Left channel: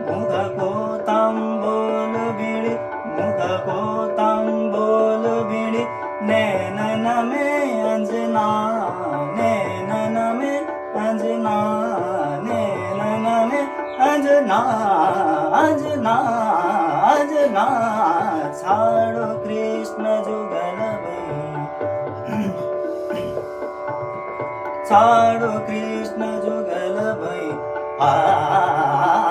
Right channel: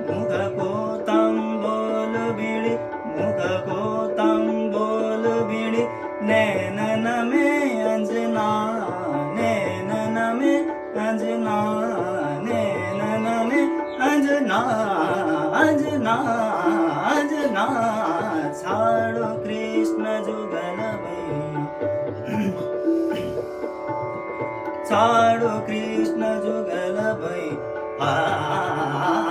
मुख को तांबूल बीड़ी, मुख को तांबूल बीड़ी, नैनन में अंजना, नैनन में अंजना, नैनन में अंजना, अंजना, अंजना, छाड़ो कृष्ण जुगल भई, छाड़ो कृष्ण जुगल भई, आ